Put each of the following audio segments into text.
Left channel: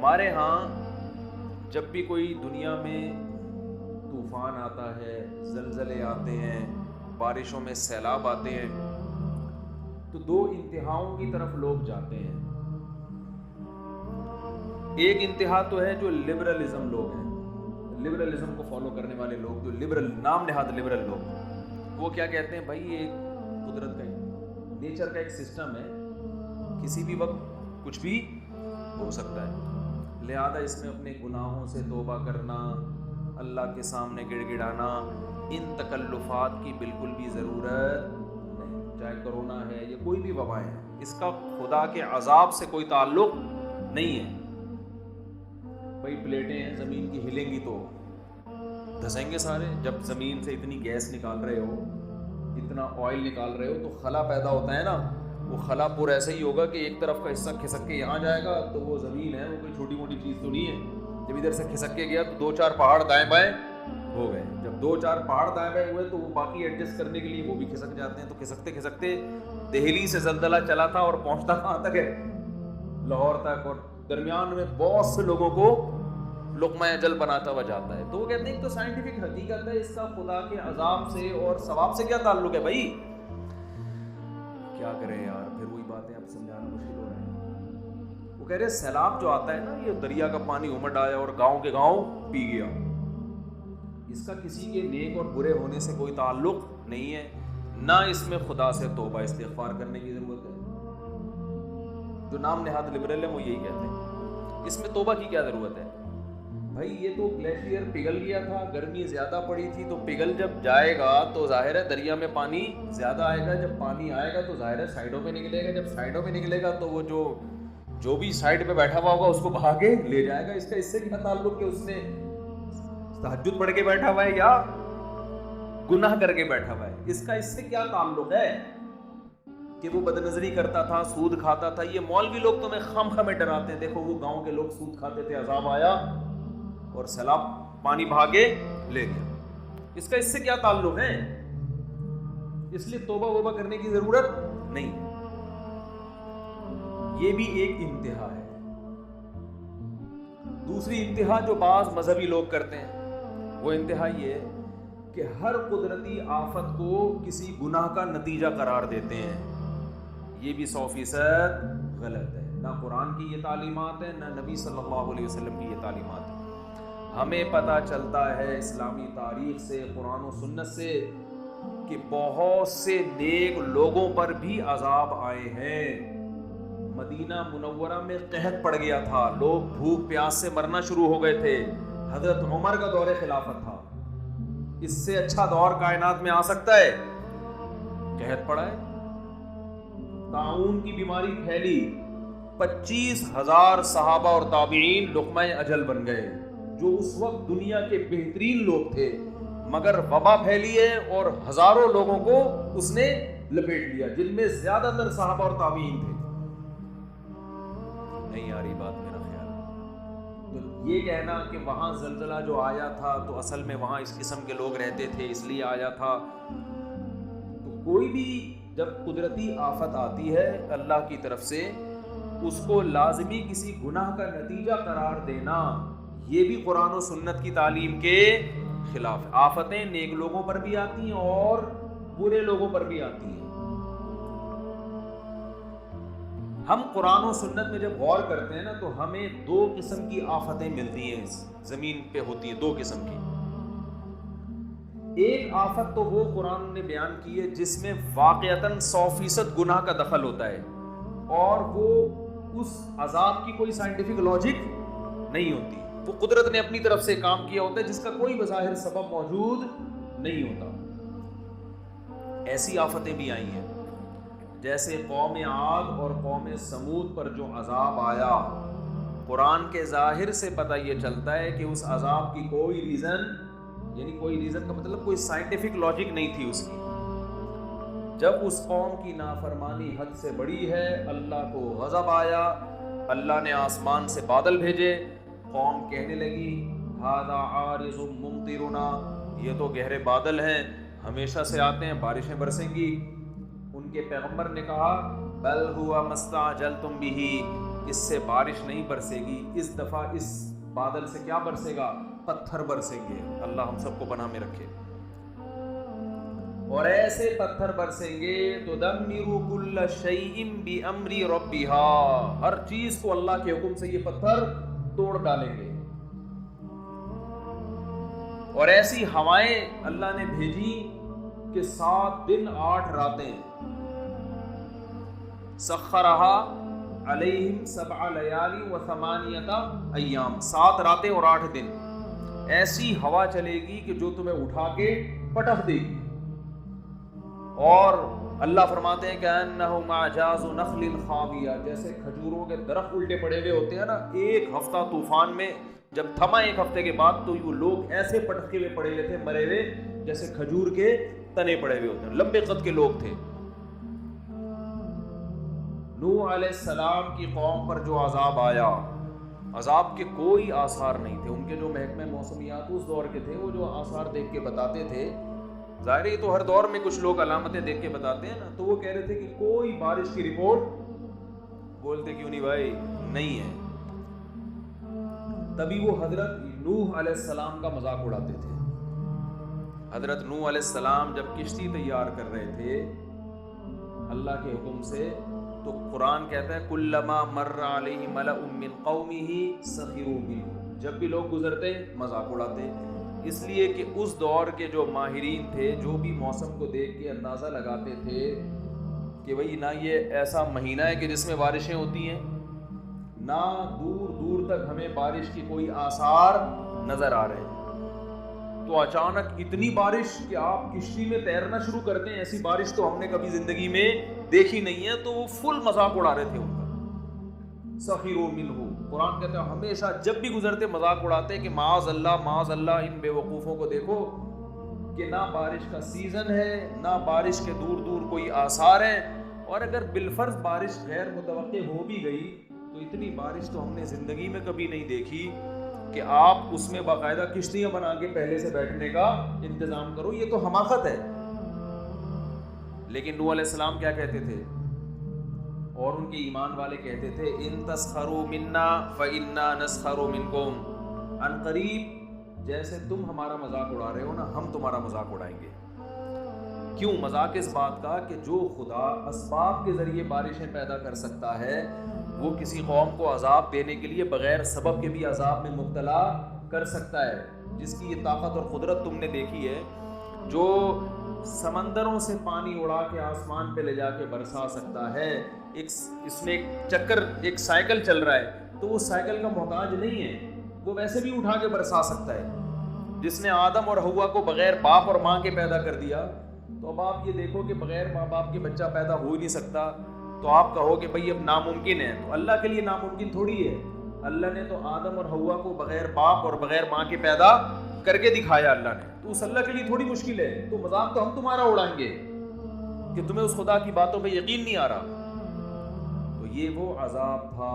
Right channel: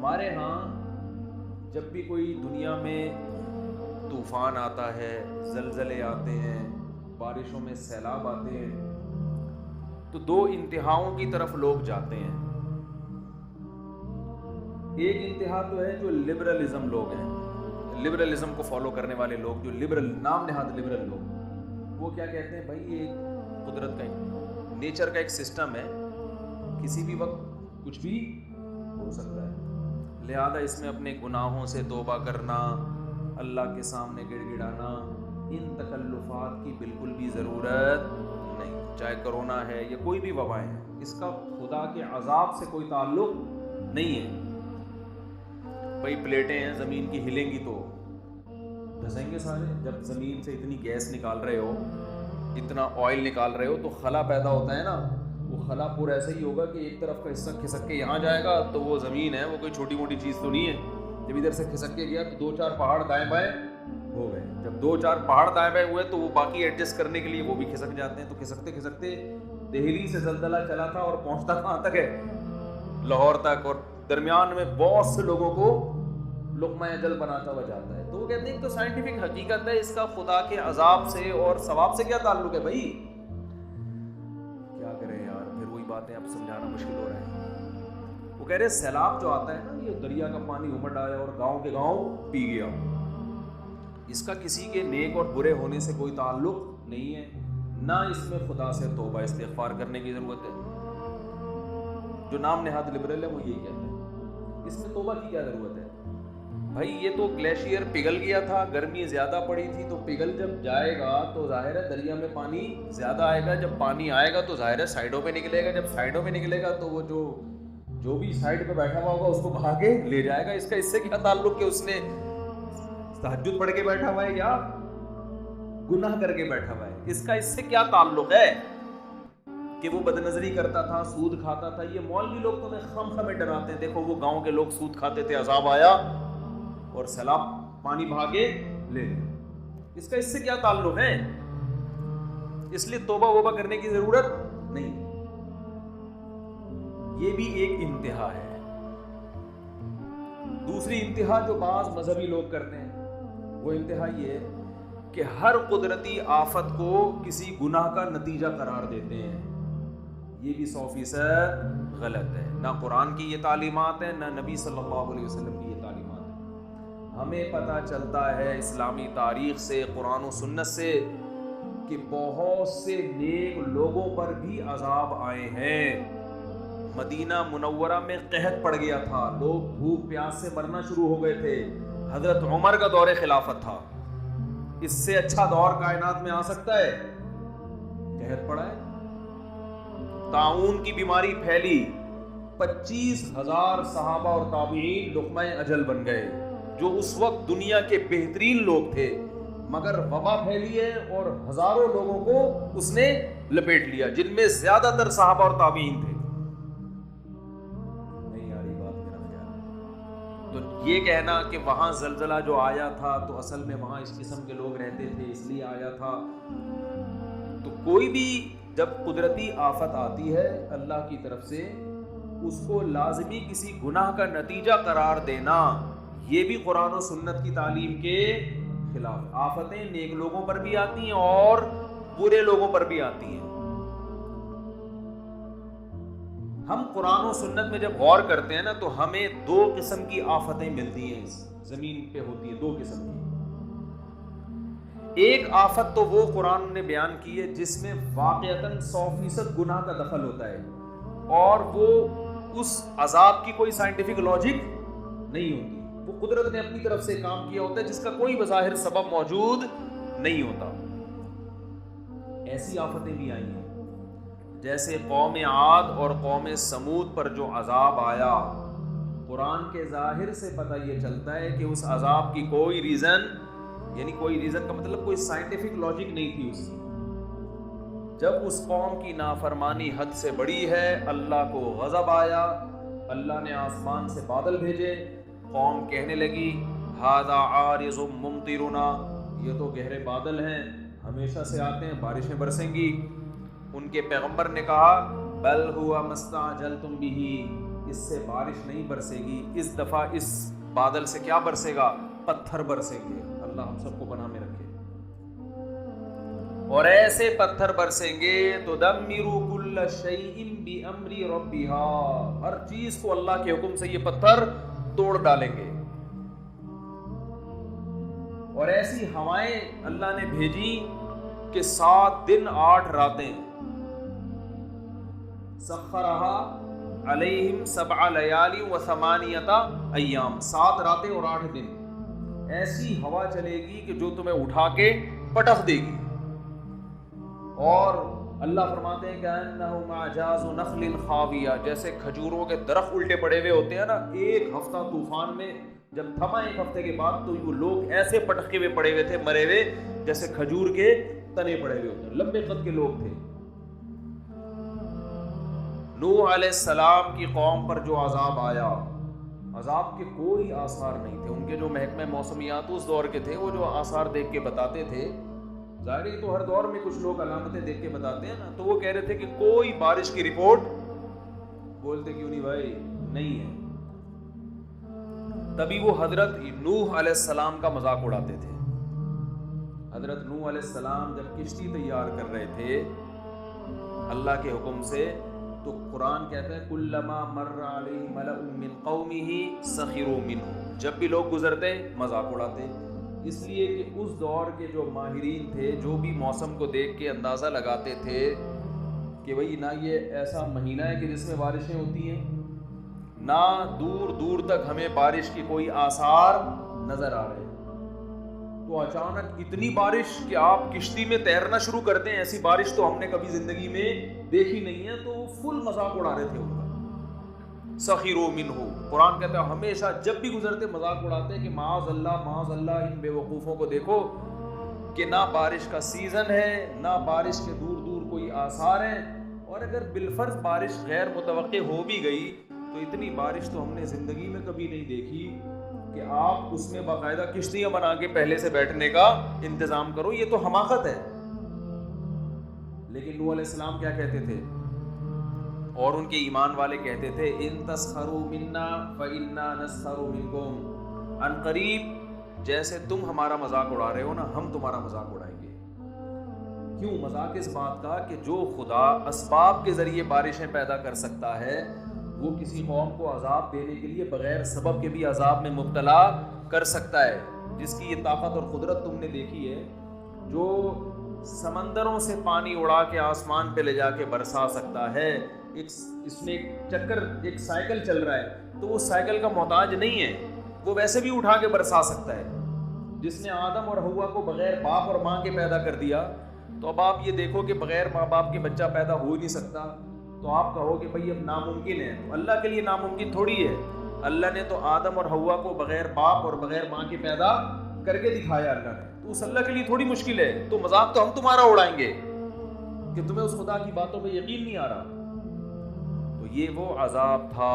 ہمارے ہاں جب بھی کوئی دنیا میں طوفان آتا ہے، زلزلے آتے ہیں، بارشوں میں سیلاب آتے ہیں، تو دو انتہاؤں کی طرف لوگ جاتے ہیں. ایک انتہا تو ہے جو لبرلزم لوگ ہیں، لبرلزم کو فالو کرنے والے لوگ، جو لبرل نام نہاد لبرل لوگ، وہ کیا کہتے ہیں بھائی یہ قدرت کا نیچر کا ایک سسٹم ہے، کسی بھی وقت کچھ بھی ہو سکتا ہے، لہذا اس میں اپنے گناہوں سے توبہ کرنا، اللہ کے سامنے گڑ گڑانا، ان تکلفات کی بالکل بھی ضرورت نہیں. چاہے کرونا ہے یا کوئی بھی وبا ہے، اس کا خدا کے عذاب سے کوئی تعلق نہیں ہے. بھائی پلیٹیں ہیں زمین کی، ہلیں گی تو دھسیں گے سارے. جب زمین سے اتنی گیس نکال رہے ہو، اتنا آئل نکال رہے ہو، تو خلا پیدا ہوتا ہے نا، وہ خلا پور ایسا ہی ہوگا کہ ایک طرف کا حصہ کھسک کے یہاں جائے گا، تو وہ زمین ہے وہ کوئی چھوٹی موٹی چیز تو نہیں ہے. جب ادھر سے کھسک کے گیا تو دو چار پہاڑ دائیں بائیں ہو گئے. جب دو چار پہاڑ دائیں بائیں ہوئے تو وہ باقی ایڈجسٹ کرنے کے لیے وہ بھی کھسک جاتے ہیں. تو کھسکتے کھسکتے دہلی سے زلزلہ چلا تھا اور پہنچتا کہاں تک ہے؟ لاہور تک، اور درمیان میں بہت سے لوگوں کو لقمہ اجل بناتا ہوا جاتا ہے. تو وہ کہتے ہیں ایک تو سائنٹیفک حقیقت ہے، اس کا خدا کے عذاب سے اور ثواب سے کیا تعلق ہے بھائی؟ کیا کریں یار، پھر وہی باتیں اب سمجھانا مشکل ہو رہا ہے. وہ کہہ رہے سیلاب جو آتا ہے نا، یہ دریا کا پانی امڈ آیا اور گاؤں کے گاؤں پی گیا، اس کا کسی کے نیک اور برے ہونے سے کوئی تعلق نہیں ہے، نہ اس میں خدا سے توبہ استغفار کرنے کی ضرورت ہے. جو نام نہاد لبرل ہے وہ یہی کہتے ہیں، اس میں توبہ کی کیا ضرورت ہے بھائی؟ یہ تو گلیشیئر پگھل گیا تھا، گرمی زیادہ پڑی تھی، تو پگھل جب جائے گا تو ظاہر ہے دریا میں پانی زیادہ آئے گا. جب پانی آئے گا تو ظاہر ہے سائڈوں پہ نکلے گا. جب سائڈوں پہ نکلے گا تو وہ جو بھی سائڈ پہ بیٹھا ہوا ہوگا اس کو بہا کے لے جائے گا. اس کا اس سے کیا تعلق کہ اس نے تہجد پڑھ کے بیٹھا ہوا ہے یا گناہ کر کے بیٹھا ہوا ہے؟ اس کا اس سے کیا تعلق ہے کہ وہ بد نظری کرتا تھا، سود کھاتا تھا؟ یہ مولوی لوگ تمہیں خم خمیں ڈراتے ہیں، دیکھو وہ گاؤں کے لوگ سود کھاتے تھے، عذاب آیا اور سیلاب پانی بہا کے لے گیا. اس کا اس سے کیا تعلق ہے؟ اس لیے توبہ وبہ کرنے کی ضرورت نہیں. یہ بھی ایک انتہا ہے. دوسری انتہا جو بعض مذہبی لوگ کرتے ہیں، وہ انتہا یہ ہے کہ ہر قدرتی آفت کو کسی گناہ کا نتیجہ قرار دیتے ہیں. یہ بھی 100% غلط ہے. نہ قرآن کی یہ تعلیمات ہے، نہ نبی صلی اللہ علیہ وسلم کی یہ تعلیمات ہے. ہمیں پتہ چلتا ہے اسلامی تاریخ سے، قرآن و سنت سے، کہ بہت سے نیک لوگوں پر بھی عذاب آئے ہیں. مدینہ منورہ میں قحط پڑ گیا تھا، لوگ بھوک پیاس سے مرنا شروع ہو گئے تھے. حضرت عمر کا دور خلافت تھا. اس سے اچھا دور کائنات میں آ سکتا ہے؟ قحط پڑا ہے، طاعون کی بیماری پھیلی، 25,000 صحابہ اور تابعین لقمہ اجل بن گئے، جو اس وقت دنیا کے بہترین لوگ تھے، مگر وبا پھیلی ہے اور ہزاروں لوگوں کو اس نے لپیٹ لیا، جن میں زیادہ تر صحابہ اور تابعین تھے. نہیں آ رہی بات میرا خیال؟ تو یہ کہنا کہ وہاں زلزلہ جو آیا تھا تو اصل میں وہاں اس قسم کے لوگ رہتے تھے اس لیے آیا تھا. تو کوئی بھی جب قدرتی آفت آتی ہے اللہ کی طرف سے، اس کو لازمی کسی گناہ کا نتیجہ قرار دینا، یہ بھی قرآن و سنت کی تعلیم کے خلاف ہے. آفتیں نیک لوگوں پر بھی آتی ہیں اور برے لوگوں پر بھی آتی ہیں. ہم قرآن و سنت میں جب غور کرتے ہیں نا تو ہمیں 2 قسم کی آفتیں ملتی ہیں، زمین پہ ہوتی ہیں 2 قسم کی. ایک آفت تو وہ قرآن نے بیان کی ہے جس میں واقعتاً 100% گناہ کا دخل ہوتا ہے، اور وہ اس عذاب کی کوئی سائنٹیفک لاجک نہیں ہوتی، وہ قدرت نے اپنی طرف سے کام کیا ہوتا ہے جس کا کوئی بظاہر سبب موجود نہیں ہوتا. ایسی آفتیں بھی آئی ہیں، جیسے قوم عاد اور قوم سمود پر جو عذاب آیا. قرآن کے ظاہر سے پتہ یہ چلتا ہے کہ اس عذاب کی کوئی ریزن، یعنی کوئی ریزن کا مطلب کوئی سائنٹیفک لاجک نہیں تھی اس کی. جب اس قوم کی نافرمانی حد سے بڑی ہے، اللہ کو غضب آیا، اللہ نے آسمان سے بادل بھیجے. قوم کہنے لگی ھذا عارض ممطرنا، یہ تو گہرے بادل ہیں، ہمیشہ سے آتے ہیں، بارشیں برسیں گی. ان کے پیغمبر نے کہا بل ہوا ما استعجلتم بہ، اس سے بارش نہیں برسے گی، اس دفعہ اس بادل سے کیا برسے گا؟ پتھر برسیں گے۔ اللہ ہم سب کو پناہ میں رکھے۔ اور ایسے پتھر برسیں گے تدمر کل شیء بامر ربها، ہر چیز کو اللہ کے حکم سے یہ پتھر توڑ ڈالیں گے۔ اور ایسی ہوائیں اللہ نے بھیجی کہ 7 دن 8 راتیں، سخرہا علیہم 7 لیال و 8 ایام، 7 راتیں اور 8 دن ایسی ہوا چلے گی کہ جو تمہیں اٹھا کے پٹخ دے گی۔ اور اللہ فرماتے ہیں کہ انہم اعجاز نخل خاویہ، جیسے کھجوروں کے درخت الٹے پڑے ہوئے ہوتے ہیں نا، ایک ہفتہ طوفان میں جب تھما ایک ہفتے کے بعد تو وہ لوگ ایسے پٹخے ہوئے پڑے ہوئے تھے، مرے ہوئے، جیسے کھجور کے تنے پڑے ہوئے ہوتے ہیں، لمبے قد کے لوگ تھے۔ نوح علیہ السلام کی قوم پر جو عذاب آیا، عذاب کے کوئی آثار نہیں تھے۔ ان کے جو محکمہ موسمیات اس دور کے تھے، وہ جو آثار دیکھ کے بتاتے تھے، ظاہر ہے تو ہر دور میں کچھ لوگ علامتیں دیکھ کے بتاتے ہیں نا، تو وہ کہہ رہے تھے کہ کوئی بارش کی رپورٹ، بولتے کیوں نہیں بھائی، نہیں ہے۔ تبھی وہ حضرت نوح علیہ السلام کا مذاق اڑاتے تھے۔ حضرت نوح علیہ السلام جب کشتی تیار کر رہے تھے اللہ کے حکم سے، تو قرآن کہتا ہے کلما مر علیہ ملأ من قومہ سخروا منہ، جب بھی لوگ گزرتے مذاق اڑاتے، اس لیے کہ اس دور کے جو ماہرین تھے، جو بھی موسم کو دیکھ کے اندازہ لگاتے تھے کہ بھئی نہ یہ ایسا مہینہ ہے کہ جس میں بارشیں ہوتی ہیں، نہ دور دور تک ہمیں بارش کی کوئی آثار نظر آ رہے ہیں، تو اچانک اتنی بارش کہ آپ کشتی میں تیرنا شروع کرتے ہیں، ایسی بارش تو ہم نے کبھی زندگی میں دیکھی نہیں ہے۔ تو وہ فل مذاق اڑا رہے تھے ان کا، سخروا منہ۔ قرآن کہتا ہے ہمیشہ جب بھی گزرتے مذاق اڑاتے کہ معاذ اللہ ان بے وقوفوں کو دیکھو کہ نہ بارش کا سیزن ہے، نہ بارش کے دور دور کوئی آثار ہیں، اور اگر بالفرض بارش غیر متوقع ہو بھی گئی تو اتنی بارش تو ہم نے زندگی میں کبھی نہیں دیکھی کہ آپ اس میں باقاعدہ کشتیاں بنا کے پہلے سے بیٹھنے کا انتظام کرو، یہ تو حماقت ہے۔ لیکن نوح علیہ السلام کیا کہتے تھے، اور ان کے ایمان والے کہتے تھے ان تسخروا منا فإنا نسخر منکم، ان قریب جیسے تم ہمارا مذاق اڑا رہے ہو نا، ہم تمہارا مذاق اڑائیں گے۔ کیوں مذاق؟ اس بات کا کہ جو خدا اسباب کے ذریعے بارشیں پیدا کر سکتا ہے، وہ کسی قوم کو عذاب دینے کے لیے بغیر سبب کے بھی عذاب میں مبتلا کر سکتا ہے۔ جس کی یہ طاقت اور قدرت تم نے دیکھی ہے، جو سمندروں سے پانی اڑا کے آسمان پہ لے جا کے برسا سکتا ہے، اس نے ایک چکر، ایک سائیکل چل رہا ہے تو وہ سائیکل کا محتاج نہیں ہے، وہ ویسے بھی اٹھا کے برسا سکتا ہے۔ جس نے آدم اور حوا کو بغیر باپ اور ماں کے پیدا کر دیا، تو اب آپ یہ دیکھو کہ بغیر ماں باپ کے بچہ پیدا ہو ہی نہیں سکتا، تو آپ کہو کہ بھئی اب ناممکن ہے، تو اللہ کے لیے ناممکن تھوڑی ہے۔ اللہ نے تو آدم اور حوا کو بغیر باپ اور بغیر ماں کے پیدا کر کے دکھایا اللہ نے، تو اس اللہ کے لیے تھوڑی مشکل ہے۔ تو مذاق تو ہم تمہارا اڑائیں گے کہ تمہیں اس خدا کی باتوں پہ یقین نہیں آ رہا۔ تو یہ وہ عذاب تھا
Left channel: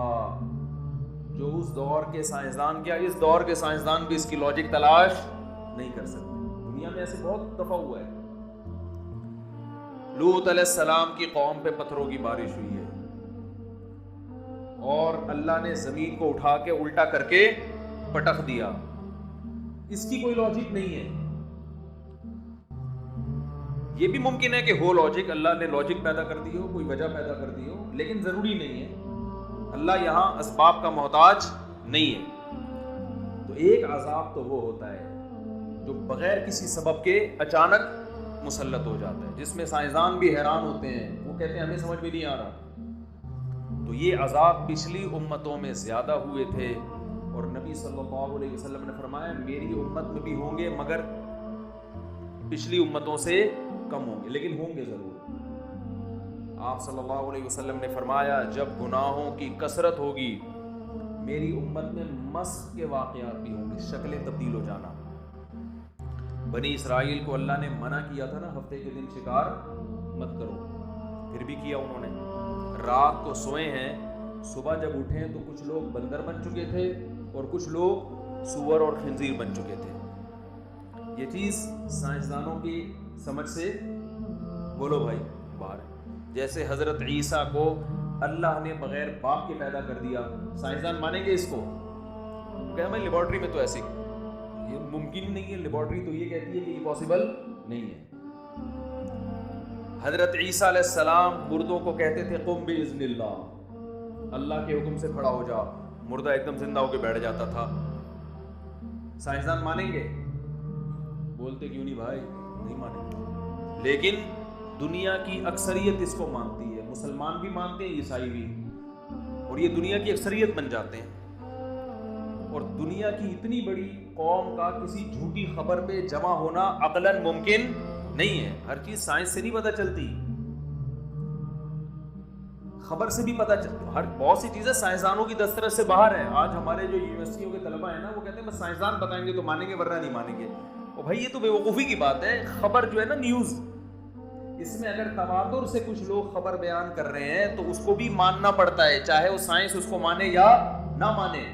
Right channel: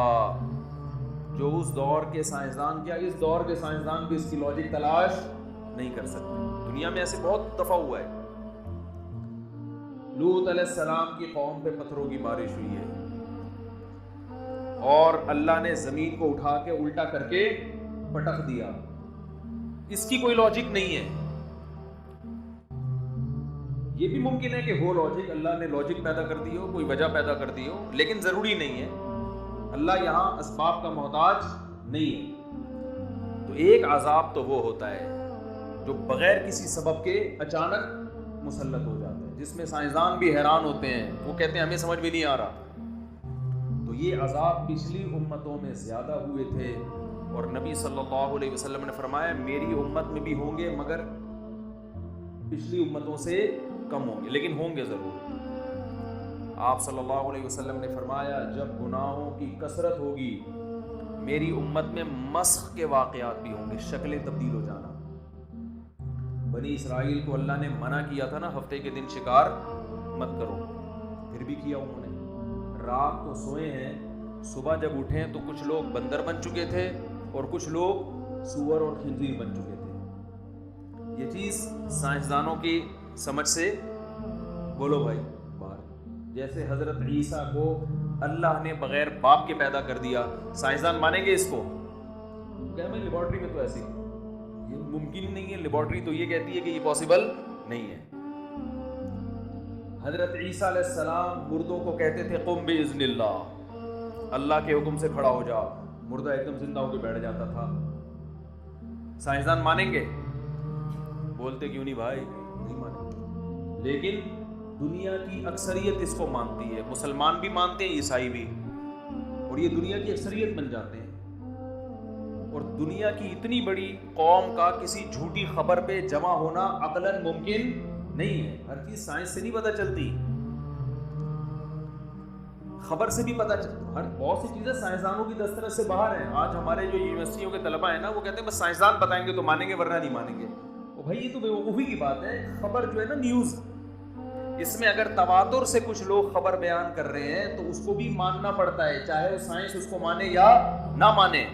جو اس دور کے سائنسدان، کیا اس دور کے سائنسدان بھی اس کی لاجک تلاش نہیں کر سکتے۔ دنیا میں ایسے بہت دفعہ ہوا ہے۔ لوط علیہ السلام کی قوم پہ پتھروں کی بارش ہوئی ہے، اور اللہ نے زمین کو اٹھا کے الٹا کر کے پٹخ دیا۔ اس کی کوئی لاجک نہیں ہے۔ یہ بھی ممکن ہے کہ ہو لاجک، اللہ نے لاجک پیدا کر دی ہو، کوئی وجہ پیدا کر دی ہو، لیکن ضروری نہیں ہے۔ اللہ یہاں اسباب کا محتاج نہیں ہے۔ تو ایک عذاب تو وہ ہوتا ہے جو بغیر کسی سبب کے اچانک مسلط ہو جاتا ہے، جس میں سائنسدان بھی حیران ہوتے ہیں، وہ کہتے ہیں ہمیں سمجھ بھی نہیں آ رہا۔ تو یہ عذاب پچھلی امتوں میں زیادہ ہوئے تھے، اور نبی صلی اللہ علیہ وسلم نے فرمایا میری امت میں بھی ہوں گے، مگر پچھلی امتوں سے کم ہوں گے، لیکن ہوں گے ضرور۔ آپ صلی اللہ علیہ وسلم نے فرمایا جب گناہوں کی کثرت ہوگی، میری امت میں مسخ کے واقعات بھی ہوں گے، شکلیں تبدیل ہو جانا۔ بنی اسرائیل کو اللہ نے منع کیا تھا نا، ہفتے کے دن شکار مت کرو، پھر بھی کیا انہوں نے۔ رات کو سوئے ہیں، صبح جب اٹھیں تو کچھ لوگ بندر بن چکے تھے اور کچھ لوگ سور اور خنزیر بن چکے تھے۔ یہ چیز سائنسدانوں کی سمجھ سے بولو بھائی باہر۔ جیسے حضرت عیسیٰ کو اللہ نے بغیر باپ کے پیدا کر دیا، سائنسدان مانیں گے اس کو؟ کہ میں لیبارٹری میں تو ایسے یہ ممکن ہی نہیں ہے، لیبارٹری تو یہ کہتی ہے کہ یہ پاسبل نہیں ہے۔ حضرت عیسیٰ علیہ السلام مردوں کو کہتے تھے قم باذن اللہ، اللہ کے حکم سے کھڑا ہو جا، مردہ ایک دم زندہ ہو کے بیٹھ جاتا تھا۔ سائنسدان مانیں گے؟ بولتے کیوں نہیں بھائی، نہیں مانیں گے۔ لیکن دنیا کی اکثریت اس کو مانتی ہے، مسلمان بھی مانتے ہیں، عیسائی بھی، اور یہ دنیا کی اکثریت بن جاتے ہیں۔ اور دنیا کی اتنی بڑی قوم کا کسی جھوٹی خبر پہ جمع ہونا عقلاً ممکن نہیں ہے۔ ہر چیز سائنس سے نہیں پتہ چلتی، خبر سے بھی پتہ چلتی، بہت سی چیزیں سائنسدانوں کی دسترس سے باہر ہیں۔ آج ہمارے جو یونیورسٹیوں کے طلباء ہیں نا، وہ کہتے ہیں بس سائنسدان بتائیں گے تو مانیں گے ورنہ نہیں مانیں گے۔ اور بھائی یہ تو بے وقوفی کی بات ہے۔ خبر جو ہے نا، نیوز، اس میں اگر تواتر سے کچھ لوگ خبر بیان کر رہے ہیں تو اس کو بھی ماننا پڑتا ہے، چاہے وہ سائنس اس کو مانے یا نہ مانے۔